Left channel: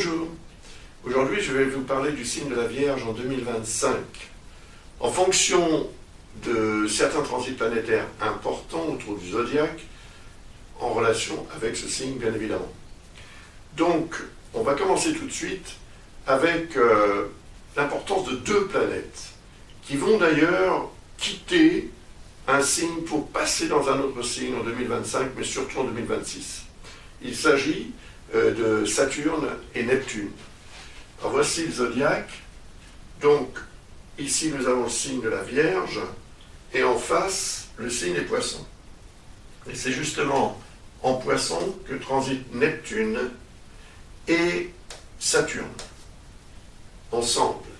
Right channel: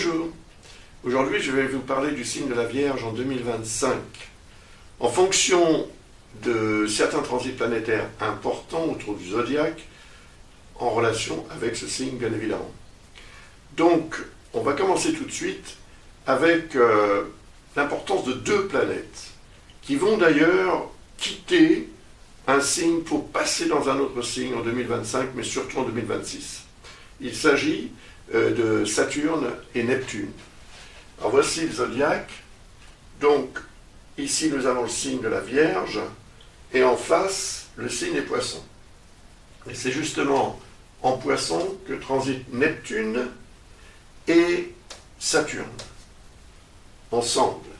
Bonjour, aujourd'hui je vais vous parler du signe de la Vierge en 2025. En fonction de certains transits planétaires importants autour du zodiaque, en relation avec ce signe bien évidemment. Donc on va commencer tout de suite avec l'importance de deux planètes qui vont d'ailleurs quitter un signe pour passer dans un autre signe en 2025, mais surtout en 2026. Il s'agit de Saturne et Neptune. Alors voici le zodiaque. Donc ici nous avons le signe de la Vierge et en face le signe des Poissons. Et c'est justement en Poissons que transitent Neptune et Saturne ensemble.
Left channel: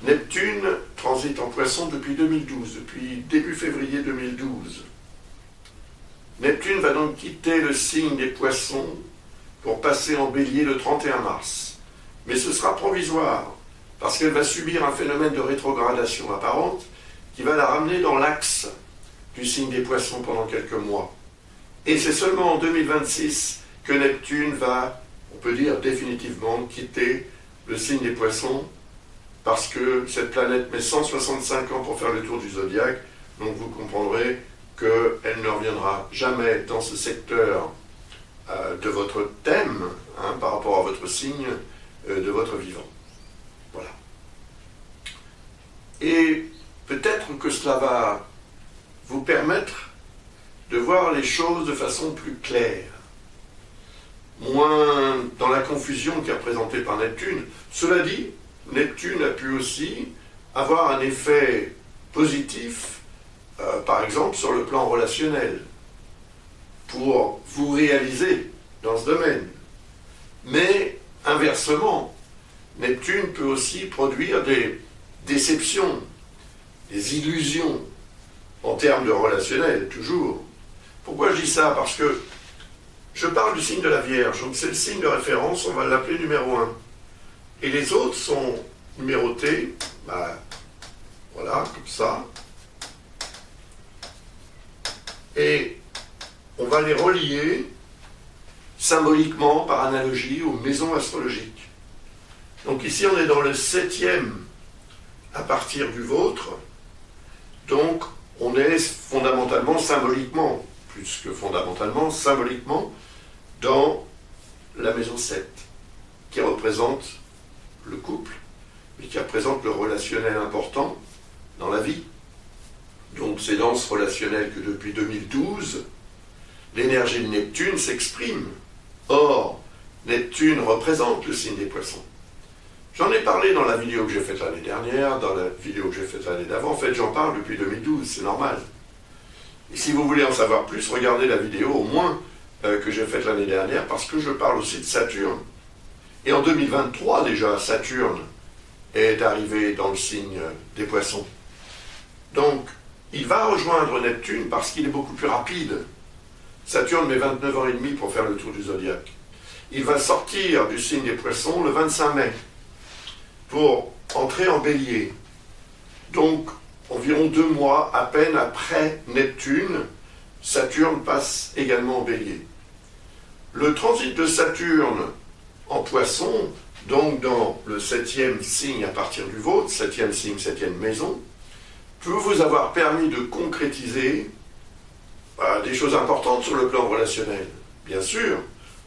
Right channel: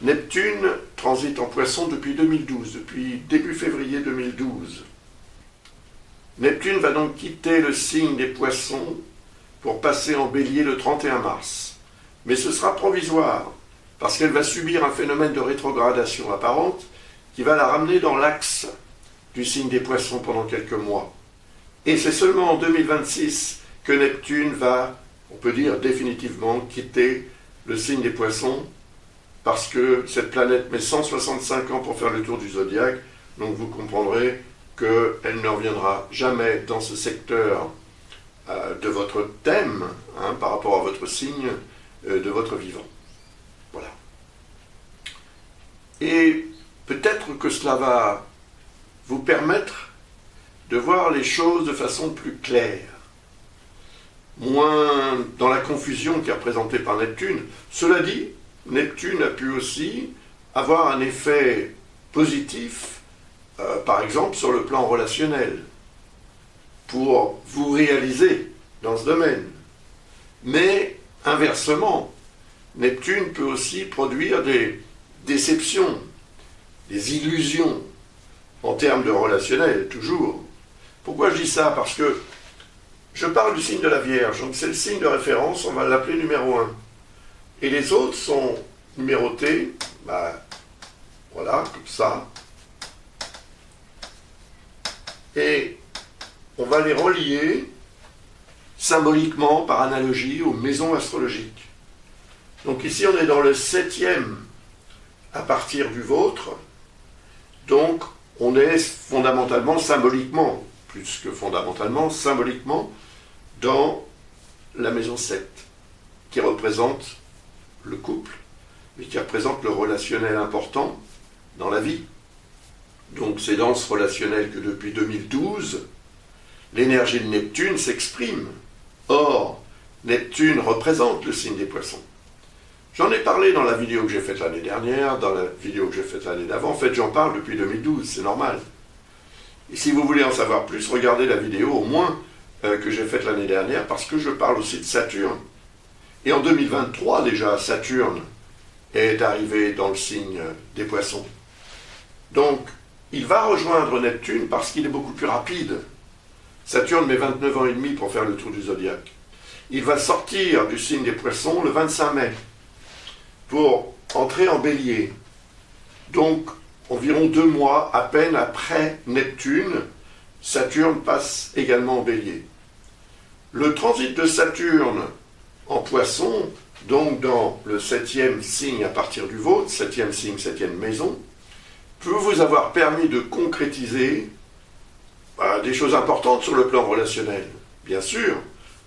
Neptune transite en Poissons depuis 2012, depuis début février 2012. Neptune va donc quitter le signe des Poissons pour passer en Bélier le 31 mars. Mais ce sera provisoire, parce qu'elle va subir un phénomène de rétrogradation apparente qui va la ramener dans l'axe du signe des Poissons pendant quelques mois. Et c'est seulement en 2026 que Neptune va, on peut dire définitivement, quitter le signe des Poissons, parce que cette planète met 165 ans pour faire le tour du zodiaque, donc vous comprendrez qu'elle ne reviendra jamais dans ce secteur de votre thème, par rapport à votre signe de votre vivant. Voilà. Et peut-être que cela va vous permettre de voir les choses de façon plus claire, moins dans la confusion qui est représentée par Neptune. Cela dit, Neptune a pu aussi avoir un effet positif, par exemple sur le plan relationnel, pour vous réaliser dans ce domaine. Mais inversement, Neptune peut aussi produire des déceptions, des illusions, en termes de relationnel, toujours. Pourquoi je dis ça? Parce que je parle du signe de la Vierge, donc c'est le signe de référence, on va l'appeler numéro 1. Et les autres sont numérotés, voilà, comme ça. Et on va les relier symboliquement, par analogie, aux maisons astrologiques. Donc ici, on est dans le 7e à partir du vôtre. Donc, on est fondamentalement, symboliquement, plus que fondamentalement, symboliquement, dans la maison 7, qui représente le couple, mais qui représente le relationnel important dans la vie. Donc c'est dans ce relationnel que depuis 2012, l'énergie de Neptune s'exprime. Or, Neptune représente le signe des Poissons. J'en ai parlé dans la vidéo que j'ai faite l'année dernière, dans la vidéo que j'ai faite l'année d'avant. En fait, j'en parle depuis 2012, c'est normal. Et si vous voulez en savoir plus, regardez la vidéo au moins que j'ai faite l'année dernière, parce que je parle aussi de Saturne. Et en 2023 déjà, Saturne est arrivé dans le signe des Poissons. Donc, il va rejoindre Neptune parce qu'il est beaucoup plus rapide. Saturne met 29 ans et demi pour faire le tour du zodiaque. Il va sortir du signe des Poissons le 25 mai pour entrer en Bélier. Donc, environ 2 mois à peine après Neptune, Saturne passe également en Bélier. Le transit de Saturne en Poissons, donc dans le 7e signe à partir du vôtre, 7e signe, 7e maison, peut vous avoir permis de concrétiser des choses importantes sur le plan relationnel. Bien sûr,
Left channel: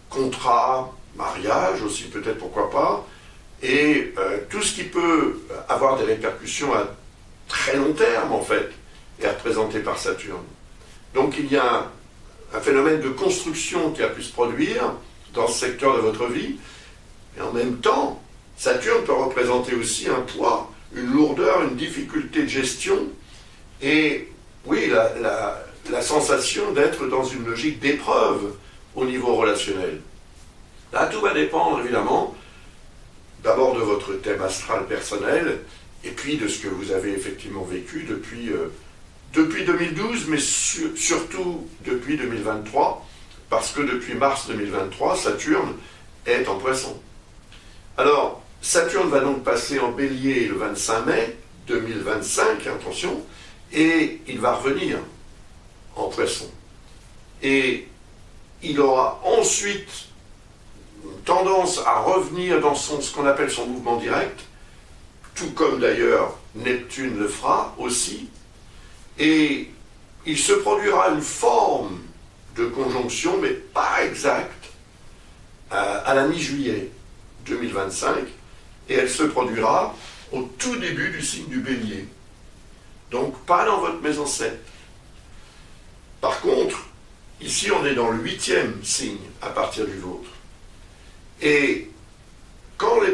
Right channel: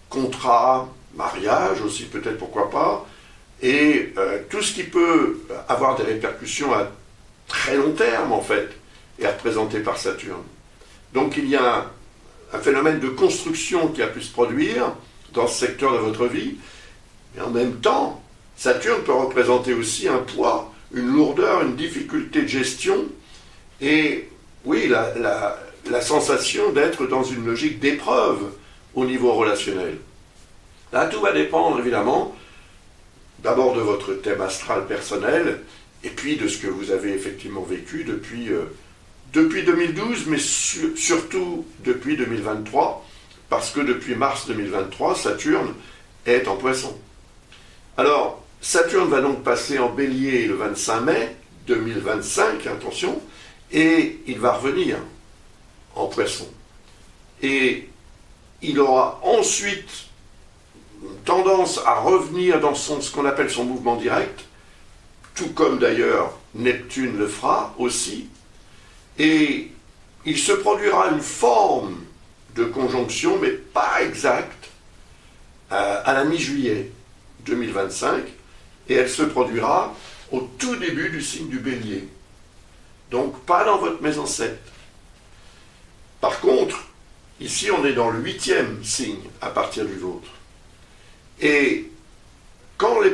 contrat, mariage aussi peut-être, pourquoi pas, et tout ce qui peut avoir des répercussions à très long terme en fait, est représenté par Saturne. Donc il y a un phénomène de construction qui a pu se produire dans ce secteur de votre vie, mais en même temps, Saturne peut représenter aussi un poids, une lourdeur, une difficulté de gestion, et oui, la sensation d'être dans une logique d'épreuve au niveau relationnel. Là, tout va dépendre, évidemment, d'abord de votre thème astral personnel, et puis de ce que vous avez effectivement vécu depuis 2012, mais surtout depuis 2023, parce que depuis mars 2023, Saturne est en Poissons. Alors, Saturne va donc passer en Bélier le 25 mai 2025, attention, et il va revenir en Poissons. Et il aura ensuite tendance à revenir dans ce qu'on appelle son mouvement direct, tout comme d'ailleurs Neptune le fera aussi, et il se produira une forme de conjonction, mais pas exacte, à la mi-juillet 2025, et elle se produira au tout début du signe du Bélier. Donc pas dans votre maison 7. Par contre, ici on est dans le 8e signe à partir du vôtre. Et quand les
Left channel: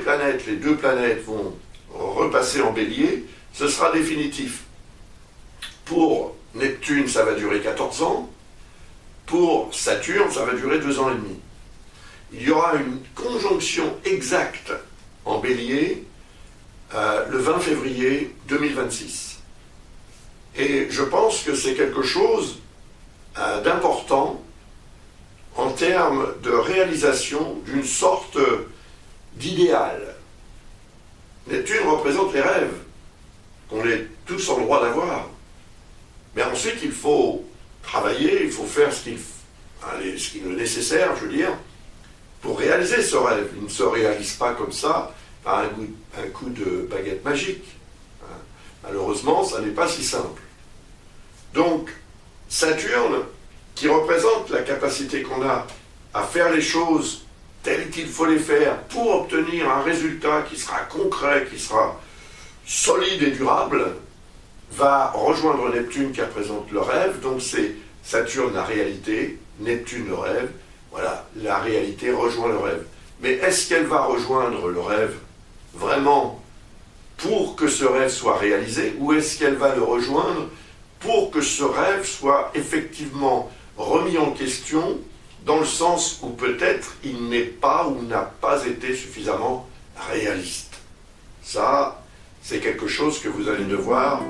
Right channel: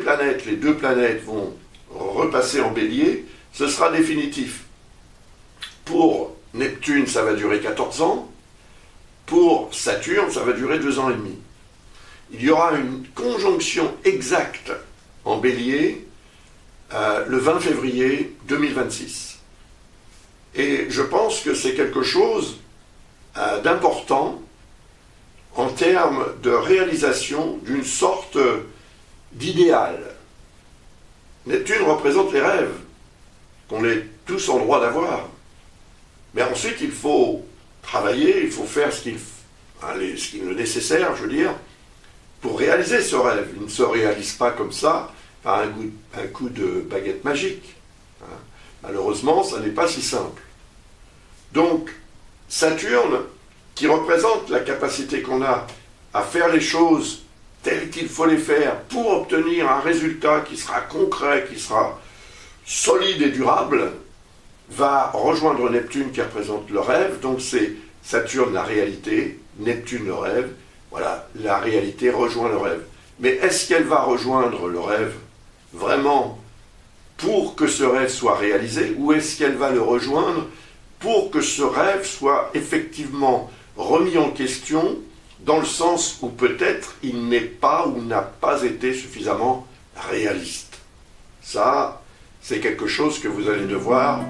deux planètes vont repasser en Bélier, ce sera définitif. Pour Neptune, ça va durer 14 ans. Pour Saturne, ça va durer 2 ans et demi. Il y aura une conjonction exacte en Bélier le 20 février 2026. Et je pense que c'est quelque chose d'important en termes de réalisation d'une sorte d'idéal. Neptune représente les rêves, qu'on est tous en droit d'avoir. Mais ensuite, il faut travailler, il faut faire ce qu'il est nécessaire, je veux dire, pour réaliser ce rêve. Il ne se réalise pas comme ça, par un coup de baguette magique. Malheureusement, ça n'est pas si simple. Donc, Saturne, qui représente la capacité qu'on a à faire les choses telles qu'il faut les faire pour obtenir un résultat qui sera concret, qui sera solide et durable, va rejoindre Neptune qui représente le rêve. Donc c'est Saturne la réalité, Neptune le rêve. Voilà, la réalité rejoint le rêve. Mais est-ce qu'elle va rejoindre le rêve vraiment pour que ce rêve soit réalisé, ou est-ce qu'elle va le rejoindre pour que ce rêve soit effectivement remis en question, dans le sens où peut-être il n'est pas ou n'a pas été suffisamment réaliste? Ça, c'est quelque chose que vous allez devoir